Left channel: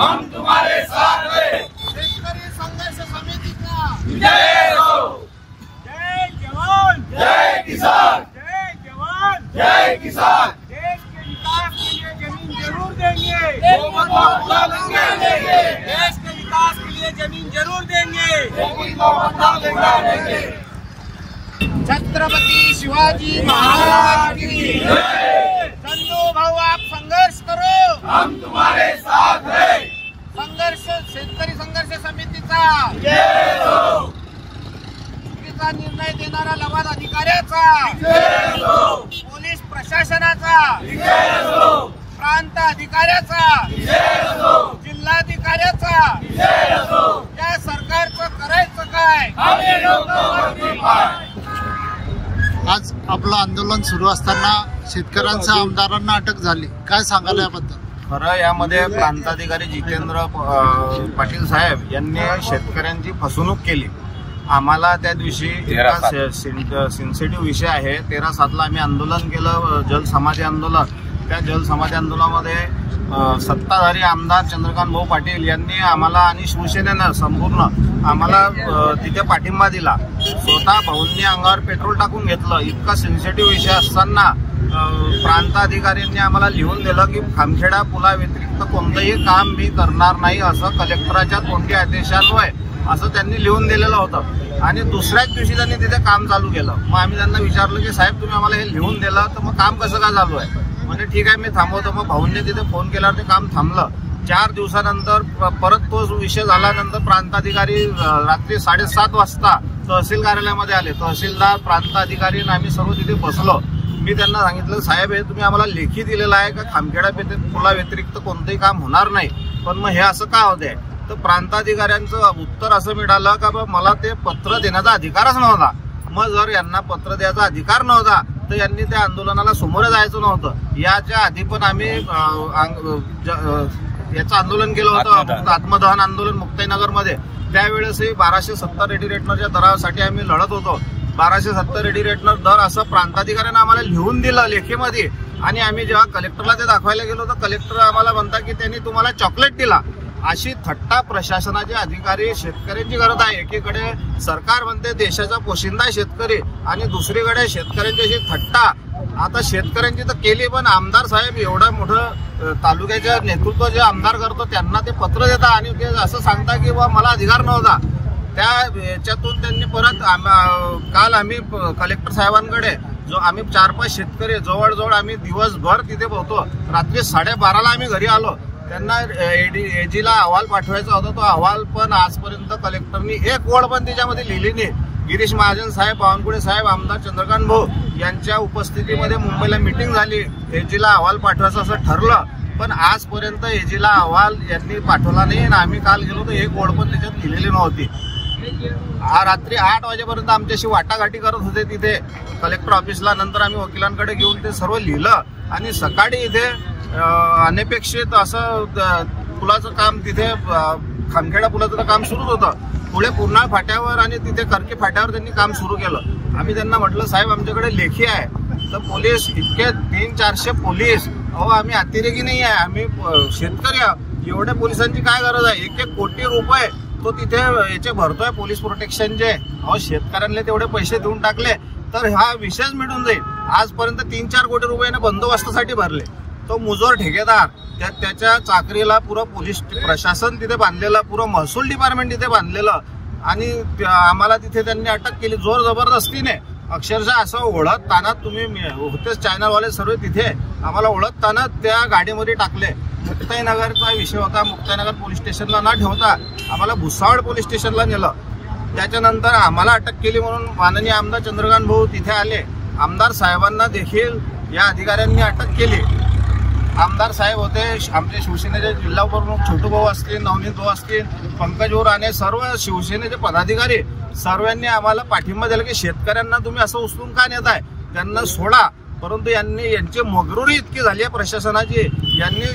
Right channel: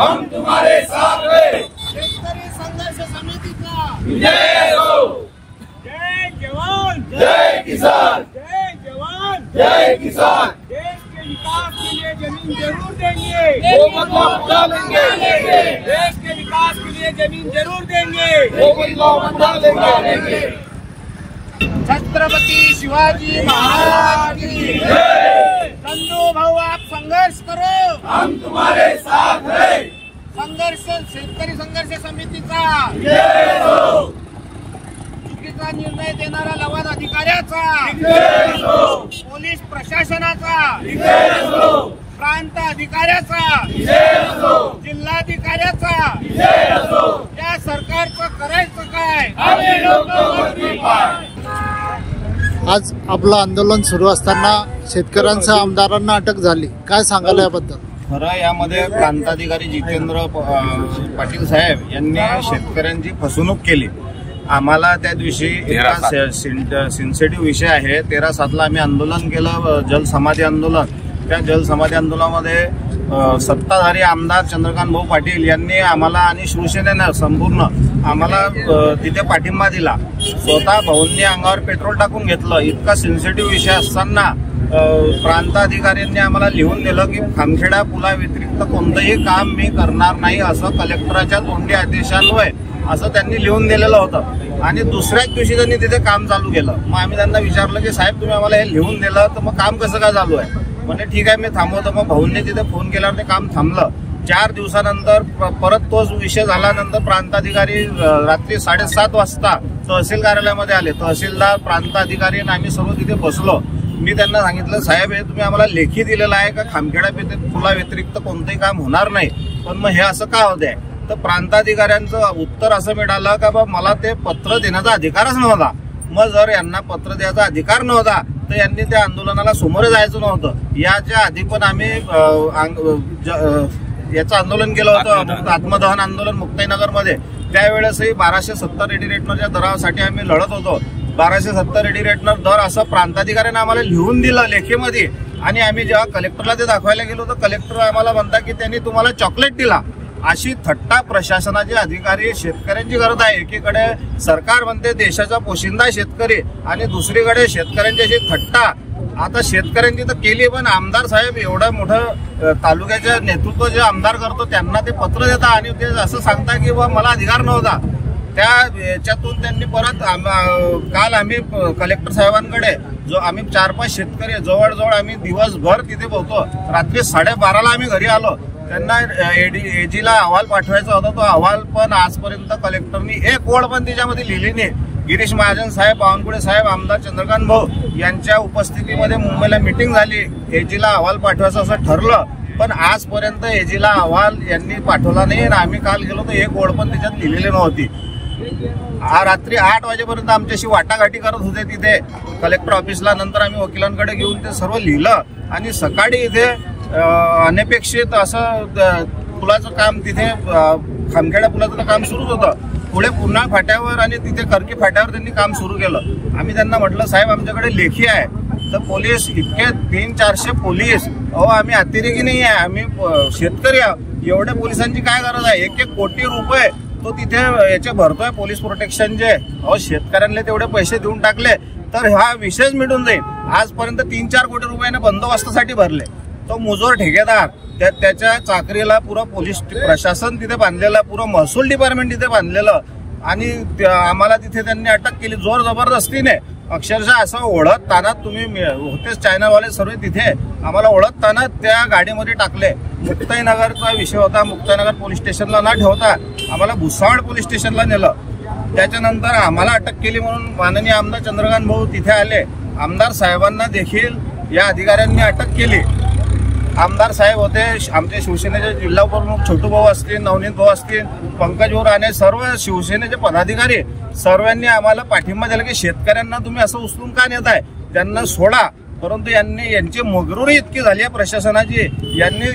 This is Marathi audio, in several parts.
हम तुम्हारे साथ हैं। शेतकरी संघर्ष समितीचा विजय हो। जय जवान जय किसान, जय जवान जय किसान। देश के विकास के लिए जमीन जरूर देंगे, वो बदला बदला लेंगे। देश के विकास के लिए जमीन जरूर देंगे, वो बदला बदला लेंगे। छत्रपति शिवाजी महाराज की जय। संजू भाऊ आप संघर्ष करो, हम तुम्हारे साथ हैं। संघर्ष शेतकरी संघर्ष समितीचा जय हो। चुकीचा निर्णय देणारा लवाद अधिकाऱ्याचा, जय हो। पोलीस प्रशासनाचा, जय हो। प्रांत अधिकाऱ्याचा, जय हो। जिल्हाधिकाऱ्याचा, जय हो। या सरकारचं करायचं काय? आम्ही लोकवरती पाय। आज आपलं आंदोलन सुरू असताना शेतकऱ्यांसह आमदारांना अटक झाली, काय सांगाल याबद्दल? खरं यामध्ये प्रांताधिकारी जितेंद्र पाटील साहेब यांनी शेतकऱ्यांची फसवणूक केली। आम्हाला त्या दिवशी इतका सेन्सिटिव्ह विषय आहे, 13/7 आम्ही आंदोलन केलं, जलसमाधी आंदोलन। त्या जलसमाधी आंदोलनामध्ये सत्ताधारी आमदार चंद्रकांत भाऊ पाटील यांनी आम्हाला आणि शिवसेनेनं संपूर्ण आम्हाला तिथे पाठिंबा दिला। स्वतः भाऊंनी अंगावर पेट्रोल टाकून घेतलं। इतका सेन्सिटिव्ह विषय असताना प्रांताधिकाऱ्यांनी आम्हाला लिहून दिलं की खामखेडा पुला व्यतिरिक्त कोणतंही काम मी करणार नाही असं कलेक्टराच्या तोंडी आदेशान्वये असं त्यांनी लिहून दिलेलं होतं। आणि दुसऱ्याच दिवशी त्यांनी तिथे काम चालू केलं। मग आम्ही त्यांना विचारलं की साहेब तुम्ही आम्हाला हे लिहून दिलं तर मग काम कसं काय चालू आहे? म्हणजे ठीक आहे मी थांबवतो। मग भाऊंनी तिथे फोन केल्यावर ते काम थांबलं। 4 दिवसानंतर परत तोच विषय झाल्यानंतर प्रांताधिकारी रात्री 7:30 वाजता तहसील कार्यालयामध्ये आले। तहसीलदार, प्रांताधिकारी आणि आम्ही सर्व तिथे बसलो। मी त्यांना सांगितलं साहेब हे तुम्ही आम्हाला लेखी दिलेलं आहे का खामखेडा पुला व्यतिरिक्त कोणतंही काम होणार नाही, पण मग हे असं का होत आहे? तर प्रांताधिकाऱ्यांचं उत्तर असं मिळालं का बा मला ते पत्र देण्याचा अधिकारच नव्हता। मग जर यांना पत्र द्यायचा अधिकार नव्हता तर यांनी त्या आंदोलनाला सामोरे जायचं नव्हतं। याच्या आधी पण आम्ही याचं आंदोलन केलं होतं, आत्मदहन आंदोलन मुक्ताईनगरमध्ये। त्यावेळेसही 1270 रेडी रेटनरच्या दरासाठी आम्ही लढत होतो। 1270 रेडी रेटनर दर असं प्रांताधिकाऱ्यांना आम्हाला लिहून दिलं लेखीमध्ये। आणि आम्ही जेव्हा कलेक्टरला ते दाखवायला गेलो तर कलेक्टर आम्हाला म्हणतात की त्यांनी तुम्हाला चॉकलेट दिला। अशी थट्टा प्रशासनाचे अधिकारी शेतकऱ्यांची करत आहे। एकीकडे सरकार म्हणते देशाचा पोशिंदा शेतकरी आणि दुसरीकडे शेतकऱ्यांची अशी थट्टा। आता शेतकऱ्यांची तर केली, पण आमदार साहेब एवढं मोठं तालुक्याचं नेतृत्व जे आमदार करतो त्यांना ते पत्र देता आणि ते असं सांगता की बा मला अधिकार नव्हता। त्या याच्यातून त्यांनी परत काल आम्ही कलेक्टर साहेबांकडे जो आम्ही 4-5 शेतकरी जवळजवळ आम्ही दिवसभर तिथे पोहतो। रात्री 12:30ला आम्ही घरी आलो। त्यांना एजीला अहवाल पाठवायचा होता, तो अहवाल पण आजपर्यंत कलेक्टरनी एक ओळ पण त्याच्यामध्ये लिहिली नाही। गिरीश महाजन साहेब, बावनकुळे साहेब, आमदार चंद्रकांत भाऊ यांच्या उपस्थितीमध्ये मुंबईला मीटिंग झाली, एजीला अहवाल पाठवायचं असं ठरलं, पण आजपर्यंत एजीला अहवाल यांनी पाठवला नाही। आणि आम्ही काल गेलो तर एक ओळ पण त्याच्यात लिहिलेली नव्हती। रात्री 8 वाजेपर्यंत आमच्याशी वाटाघाटी करत होते तिथे कलेक्टर ऑफिसला। नंतर आम्ही वकिलांकडे घेऊन ते सर्व लिहिलं आणि सकाळी इथे अनपेक्षित असं पुलाचं काम तिथे खामखेडा पुलाचं काम सुरूच होतं। पुढे पूर्णा फाट्यावर आणि तिथे करकी फाट्यावर त्यांनी काम सुरू केलं। आम्ही त्यांना म्हटलं साहेब आमच्याकडे लेखी आहे। तर पोलीस इतके 300-400 पोलीस, अहो आम्ही अतिरेकी नाही आहे, आम्ही शेतकरी आहोत। एवढ्या पोलिसांची काय गरज आहे? 1-1 कोटी रुपये तो तिथे याचे भरतोय पोलीस प्रोटेक्शनचे। अहो शेतकऱ्यांना तेवढे पैसे देऊन टाकले तर हा विषयच मिटून जाईल। आजपर्यंत 3-4 कोटी रुपयाने बंदोबस्तासाठी भरले। तो मुजोर ठेकेदार त्याच्या चाकरीला पुरं पोलीस प्रशासन तिथे बांधलेलं, पुरं महसूल डिपार्टमेंट तिथे बांधलेलं। आणि आम्हाला तिथे त्यांनी अटक केली जोर जबरदस्तीने। अक्षरशः असं ओढताना तुम्ही होतेच चॅनलवाले सर्व तिथे आम्हाला ओढताना त्या गाडीमध्ये टाकले। मुक्ताईनगरचा विषय होता, मुक्ताईनगर पोलीस स्टेशनला न ठेवता आम्हाला भुसावळ पोलीस स्टेशनला नेलं। त्याच्यानंतर आम्हाला अटक केली म्हणून माननीय आमदार चंद्रकांत भाऊ तिथे आले। आमदार साहेबांना देखील या अधिकाऱ्यांनी अटक केली। आमदार साहेब होते, आमचे शिवसेनेचे जिल्हा प्रमुख छोटू भाऊ असतील, नवनीत भाऊ असतील, पंकज भाऊ आणि सर्व शिवसेनेचे पदाधिकारी सर्वांनी आम्हाला पाठिंबा दिला की शेतकऱ्यांना तुम्ही असं उचलून का नेत आहे, त्यांना सोडा। परंतु यांची मगरुरी इतकी झाली आहे प्रशासनाची,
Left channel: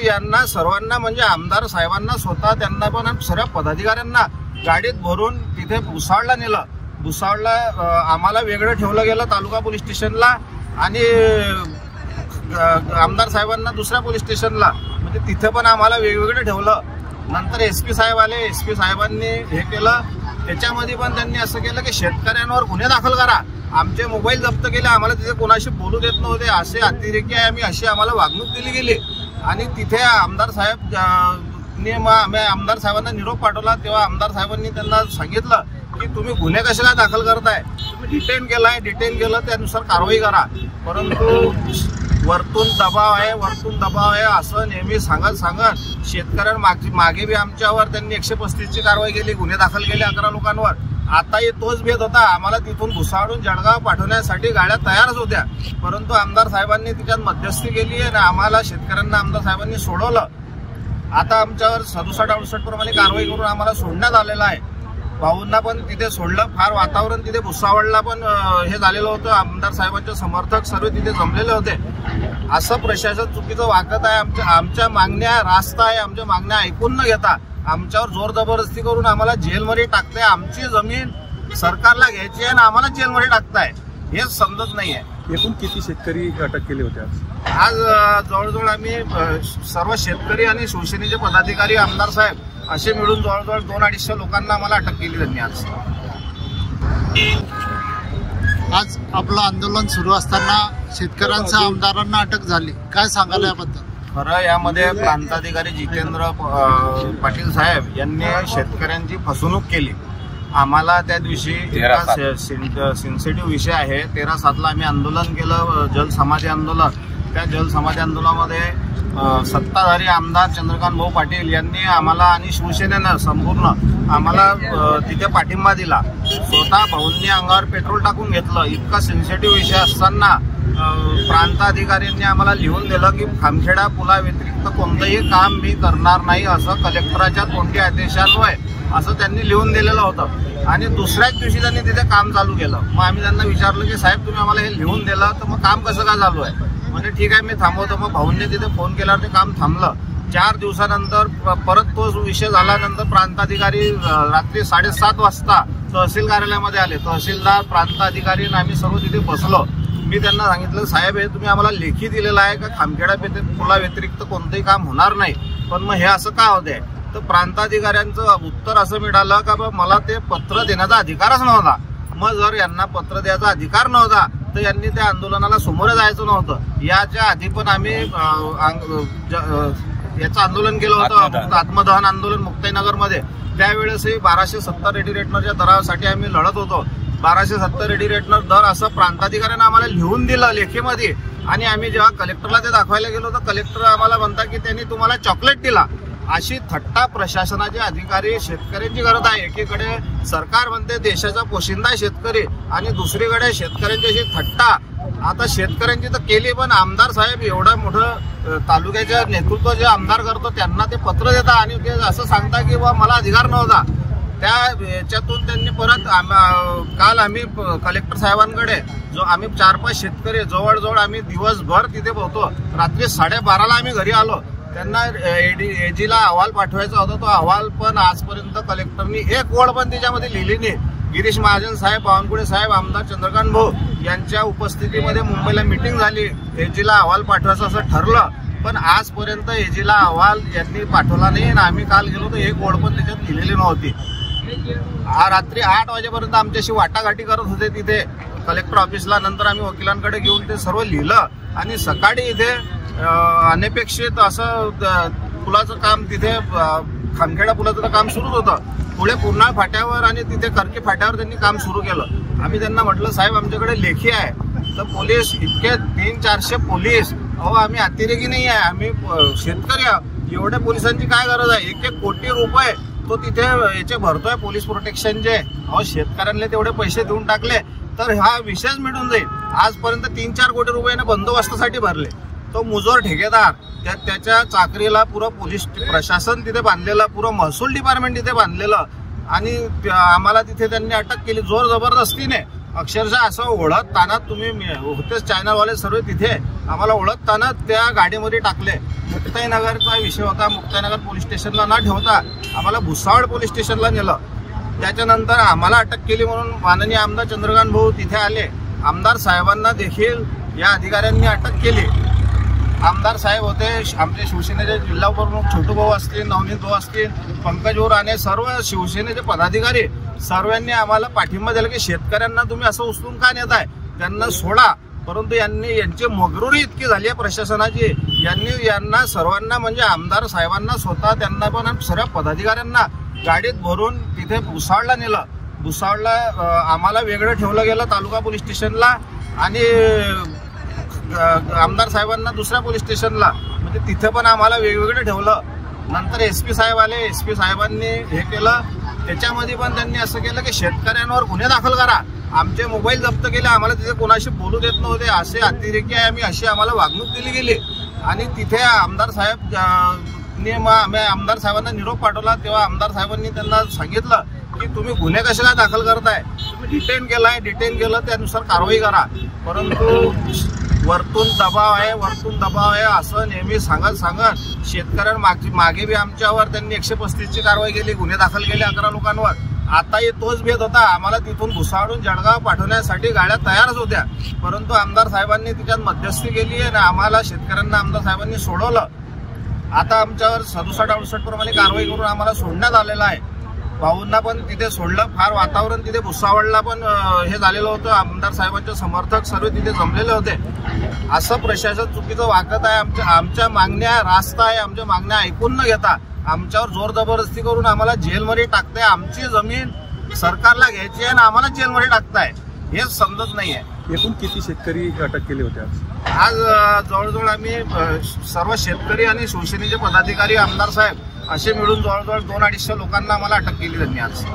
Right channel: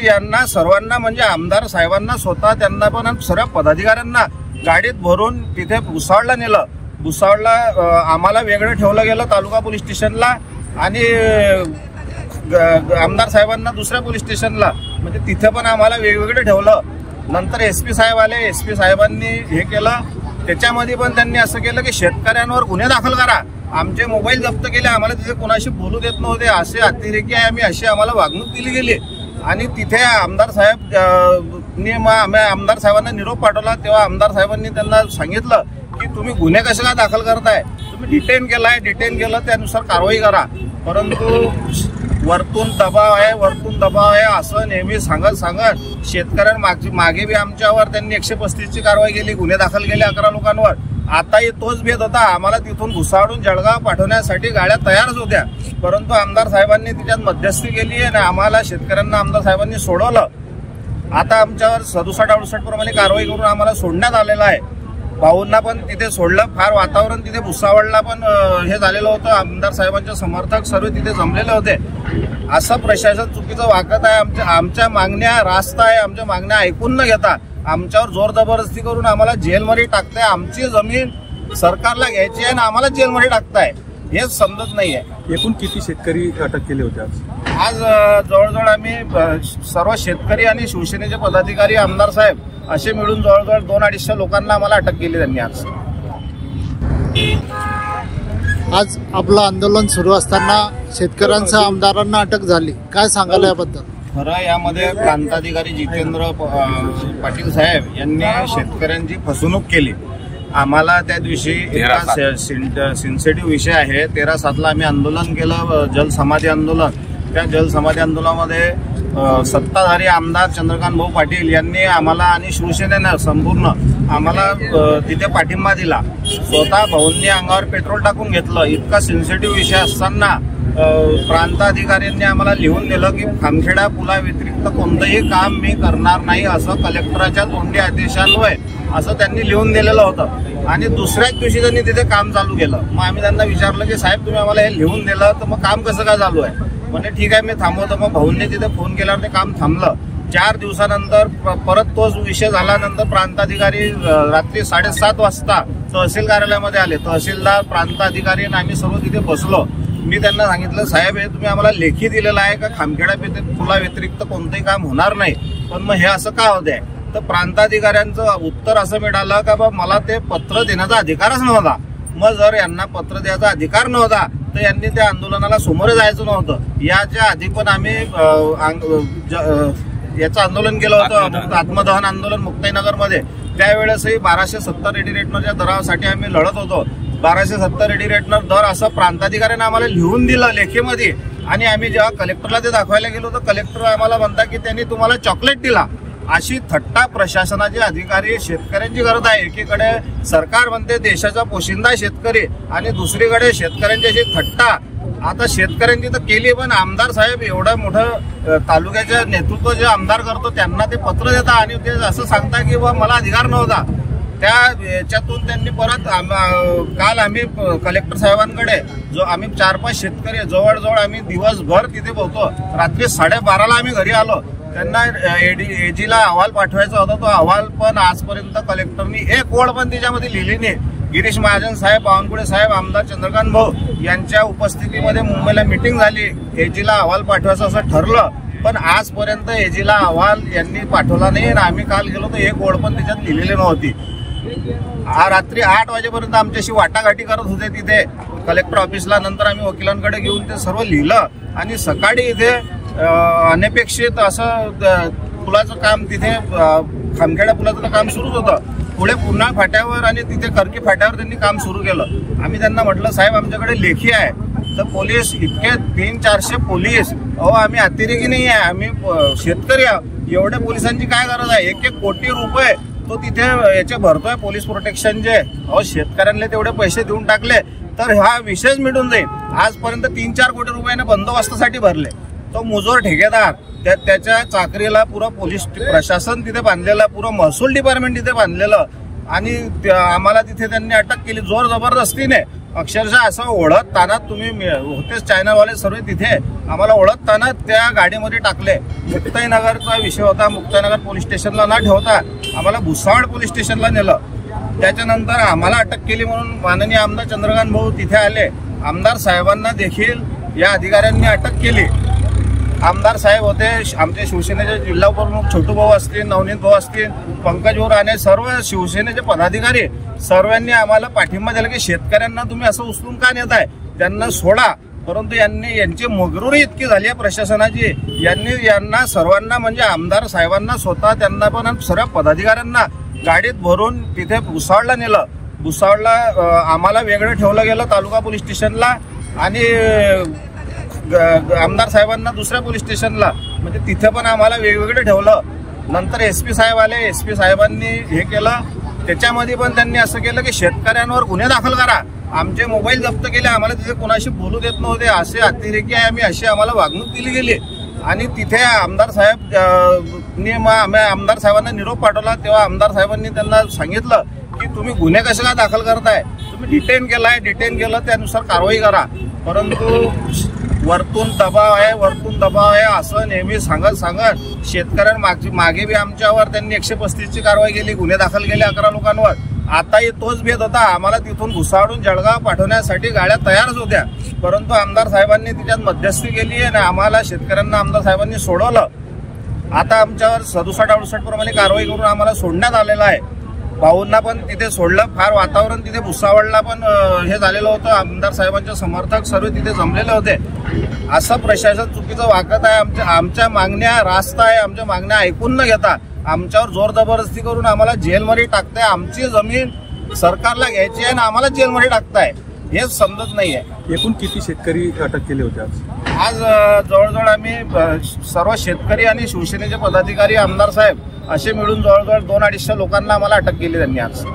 यांना सर्वांना म्हणजे आमदार साहेबांना स्वतः त्यांना पण सर्व पदाधिकाऱ्यांना गाडीत भरून तिथे भुसावळला नेलं। भुसावळला आम्हाला वेगळं ठेवलं गेलं तालुका पोलीस स्टेशनला आणि आमदार साहेबांना दुसऱ्या पोलीस स्टेशनला, म्हणजे तिथे पण आम्हाला वेगवेगळं ठेवलं। नंतर एसपी साहेब आले, एसपी साहेबांनी हे केलं, त्याच्यामध्ये पण त्यांनी असं केलं की शेतकऱ्यांवर गुन्हे दाखल करा, आमचे मोबाईल जप्त केले, आम्हाला तिथे कोणाशी बोलू देत नव्हते, असे अतिरेकी आहे आम्ही, अशी आम्हाला वागणूक दिली गेली. आणि तिथे आमदार साहेबांना निरोप पाठवला, तेव्हा आमदार साहेबांनी त्यांना सांगितलं की तुम्ही गुन्हे कसे काय दाखल करताय, तुम्ही डिटेन केलं त्यानुसार कारवाई करा. परंतु वरतून दबाव आहे असं नेहमी सांगत शेतकऱ्यांना मागे बी आमच्यावर त्यांनी 135ची कारवाई केली, गुन्हे दाखल केले 11 लोकांवर. आताही तोच भेद होता, आम्हाला तिथून भुसावळून जळगाव पाठवण्यासाठी गाड्या तयारच होत्या, परंतु आमदार साहेबांनी तिच्यात मध्यस्थी केली आणि आम्हाला शेतकऱ्यांना आमदार साहेबांनी सोडवलं. आता आमच्यावर 67-68 प्रमाणे कारवाई करून आम्हाला सोडण्यात आलेलं आहे. भाऊंना पण तिथे सोडलं. फार वातावरण तिथे भुसावळला पण हे झालेलं होतं, आमदार साहेबांचे समर्थक सर्व तिथे जमलेले होते. असं प्रशासन चुकीचं वागत आहे. आमच्या मागण्या रास्त आहे, आमच्या मागण्या ऐकून न घेता आमच्यावर जोर जबरदस्ती करून आम्हाला जेलमध्ये टाकताय. आमची जमीन सरकारला घ्यायची आहे आणि आम्हाला जेलमध्ये टाकताय, हेच समजत नाहीये. एकूण किती शेतकरी अटक केले होते आज जवळजवळ आम्ही सर्व शेतकरी आणि शिवसेनेचे पदाधिकारी, आमदार साहेब असे मिळून जवळजवळ 200-250 लोकांना आम्हाला अटक केली त्यांनी. आज आपलं आंदोलन सुरू असताना शेतकऱ्यांच्या आमदारांना अटक झाली, काय सांगाल याबद्दल? खरं यामध्ये प्रांताधिकारी जितेंद्र पाटील साहेब यांनी शेतकऱ्यांची फसवणूक केली. आम्हाला त्या दिवशी इतका सेन्सिटिव्ह विषय आहे, 13/7 आम्ही आंदोलन केलं, जलसमाधी आंदोलन. त्या जलसमाधी आंदोलनामध्ये सत्ताधारी आमदार चंद्रकांत भाऊ पाटील यांनी आम्हाला आणि शिवसेनेनं संपूर्ण आम्हाला तिथे पाठिंबा दिला. स्वतः भाऊंनी अंगावर पेट्रोल टाकून घेतलं. इतका सेन्सिटिव्ह विषय असताना प्रांताधिकाऱ्यांनी आम्हाला लिहून दिलं की खामखेडा पुला व्यतिरिक्त कोणतंही काम मी करणार नाही, असं कलेक्टराच्या तोंडी आदेशान्वये असं त्यांनी लिहून दिलेलं होतं. आणि दुसऱ्याच दिवशी त्यांनी तिथे काम चालू केलं. मग आम्ही त्यांना विचारलं की साहेब तुम्ही आम्हाला हे लिहून दिलं, तर मग काम कसं काय चालू आहे? म्हणजे ठीक आहे मी थांबवतो. मग भाऊंनी तिथे फोन केल्यावर ते काम थांबलं. 4 दिवसानंतर परत तोच विषय झाल्यानंतर प्रांताधिकारी रात्री 7:30 वाजता तहसील कार्यालयामध्ये आले. तहसीलदार, प्रांताधिकारी आणि आम्ही सर्व तिथे बसलो. मी त्यांना सांगितलं साहेब हे तुम्ही आम्हाला लेखी दिलेलं आहे का खामखेडा पुला व्यतिरिक्त कोणतंही काम होणार नाही, पण मग हे असं का होत आहे? तर प्रांताधिकाऱ्यांचं उत्तर असं मिळालं का बा मला ते पत्र देण्याचा अधिकारच नव्हता. मग जर यांना पत्र द्यायचा अधिकार नव्हता तर यांनी त्या आंदोलनाला सामोरे जायचं नव्हतं. याच्या आधी पण आम्ही याचं आंदोलन केलं होतं, आत्मदहन आंदोलन मुक्ताईनगरमध्ये. त्यावेळेसही 1270 रेडी रेटनरच्या दरासाठी आम्ही लढत होतो. 1270 रेडी रेटनर दर असं प्रांताधिकाऱ्यांना आम्हाला लिहून दिलं लेखीमध्ये. आणि आम्ही जेव्हा कलेक्टरला ते दाखवायला गेलो तर कलेक्टर आम्हाला म्हणतात की त्यांनी तुम्हाला चॉकलेट दिला. अशी थट्टा प्रशासनाचे अधिकारी शेतकऱ्यांची करत आहे. एकीकडे सरकार म्हणते देशाचा पोशिंदा शेतकरी आणि दुसरीकडे शेतकऱ्यांची अशी थट्टा. आता शेतकऱ्यांची तर केली, पण आमदार साहेब एवढं मोठं तालुक्याचं नेतृत्व जे आमदार करतो त्यांना ते पत्र देता आणि ते असं सांगता की बा मला अधिकार नव्हता. त्या याच्यातून त्यांनी परत काल आम्ही कलेक्टर साहेबांकडे जो आम्ही 4-5 शेतकरी जवळजवळ आम्ही दिवसभर तिथे पोहतो. रात्री 12:30ला आम्ही घरी आलो. त्यांना एजीला अहवाल पाठवायचा होता. तो अहवाल पण आजपर्यंत कलेक्टरनी एक ओळ पण त्याच्यामध्ये लिहिली नाही. गिरीश महाजन साहेब, बावनकुळे साहेब, आमदार चंद्रकांत भाऊ यांच्या उपस्थितीमध्ये मुंबईला मीटिंग झाली. एजीला अहवाल पाठवायचं असं ठरलं, पण आजपर्यंत एजीला अहवाल यांनी पाठवला नाही. आणि आम्ही काल गेलो तर एक ओळ पण त्याच्यात लिहिलेली नव्हती. रात्री 8 वाजेपर्यंत आमच्याशी वाटाघाटी करत होते तिथे कलेक्टर ऑफिसला. नंतर आम्ही वकिलांकडे घेऊन ते सर्व लिहिलं आणि सकाळी इथे अनपेक्षित असं पुलाचं काम तिथे खामखेडा पुलाचं काम सुरूच होतं. पुढे पूर्णा फाट्यावर आणि तिथे करकी फाट्यावर त्यांनी काम सुरू केलं. आम्ही त्यांना म्हटलं साहेब आमच्याकडे लेखी आहे. तर पोलीस इतके 300-400 पोलीस, अहो आम्ही अतिरेकी नाही आहे, आम्ही शेतकरी आहोत. एवढ्या पोलिसांची काय गरज आहे? 1-1 कोटी रुपये तो तिथे याचे भरतोय पोलीस प्रोटेक्शनचे. अहो शेतकऱ्यांना तेवढे पैसे देऊन टाकले तर हा विषयच मिटून जाईल. आजपर्यंत 3-4 कोटी रुपयाने बंदोबस्तासाठी भरले. तो मुजोर ठेकेदार, त्याच्या चाकरीला पुरं पोलीस प्रशासन तिथे बांधलेलं, पुरं महसूल डिपार्टमेंट तिथे बांधलेलं. आणि आम्हाला तिथे त्यांनी अटक केली जोर जबरदस्तीने. अक्षरशः असं ओढताना तुम्ही होतेच चायनावाले सर्व तिथे आम्हाला ओढताना त्या गाडीमध्ये टाकले. मुक्ताईनगरचा विषय होता. मुक्ताईनगर पोलीस स्टेशनला न ठेवता आम्हाला भुसावळ पोलीस स्टेशनला नेलं. त्याच्यानंतर आम्हाला अटक केली म्हणून माननीय आमदार चंद्रकांत भाऊ तिथे आले. आमदार साहेबांना देखील या अधिकाऱ्यांनी अटक केली. आमदार साहेब होते, आमचे शिवसेनेचे जिल्हा प्रमुख छोटू भाऊ असतील, नवनीत भाऊ असतील, पंकज भाऊ आणि सर्व शिवसेनेचे पदाधिकारी सर्वांनी आम्हाला पाठिंबा दिला की शेतकऱ्यांना तुम्ही असं उचलून का नेताय, त्यांना सोडा. परंतु यांची मगरुरी इतकी झाली आहे प्रशासनाची, यांना सर्वांना म्हणजे आमदार साहेबांना स्वतः त्यांना पण सर्व पदाधिकाऱ्यांना गाडीत भरून तिथे भुसावळला नेलं. भुसावळला आम्हाला वेगळं ठेवलं गेलं तालुका पोलीस स्टेशनला आणि आमदार साहेबांना दुसऱ्या पोलीस स्टेशनला, म्हणजे तिथे पण आम्हाला वेगवेगळं ठेवलं. नंतर एसपी साहेब आले, एसपी साहेबांनी हे केलं. त्याच्यामध्ये पण त्यांनी असं केलं की शेतकऱ्यांवर गुन्हे दाखल करा. आमचे मोबाईल जप्त केले, आम्हाला तिथे कोणाशी बोलू देत नव्हते, असे अतिरेकी आहे आम्ही, अशी आम्हाला वागणूक दिली गेली. आणि तिथे आमदार साहेबांना निरोप पाठवला. तेव्हा आमदार साहेबांनी त्यांना सांगितलं की तुम्ही गुन्हे कसे काय दाखल करताय, तुम्ही डिटेन केलं त्यानुसार कारवाई करा. परंतु वरतून दबाव आहे असं नेहमी सांगत शेतकऱ्यांना मागे बी आमच्यावर त्यांनी 135ची कारवाई केली, गुन्हे दाखल केले 11 लोकांवर. आताही तोच भेद होता. आम्हाला तिथून भुसावळून जळगाव पाठवण्यासाठी गाड्या तयारच होत्या, परंतु आमदार साहेबांनी तिच्यात मध्यस्थी केली आणि आम्हाला शेतकऱ्यांना आमदार साहेबांनी सोडवलं. आता आमच्यावर 67-68 प्रमाणे कारवाई करून आम्हाला सोडण्यात आलेलं आहे. भाऊंना पण तिथे सोडलं. फार वातावरण तिथे भुसावळला पण हे झालेलं होतं. आमदार साहेबांचे समर्थक सर्व तिथे जमलेले होते. असं प्रशासन चुकीचं वागत आहे. आमच्या मागण्या रास्त आहे. आमच्या मागण्या ऐकून न घेता आमच्यावर जोर जबरदस्ती करून आम्हाला जेलमध्ये टाकताय. आमची जमीन सरकारला घ्यायची आहे आणि आम्हाला जेलमध्ये टाकताय, हेच समजत नाहीये. एकूण किती शेतकरी अटक केले होते आज जवळजवळ आम्ही सर्व शेतकरी आणि शिवसेनेचे पदाधिकारी, आमदार साहेब असे मिळून जवळजवळ 200-250 लोकांना आम्हाला अटक केली त्यांनी आज.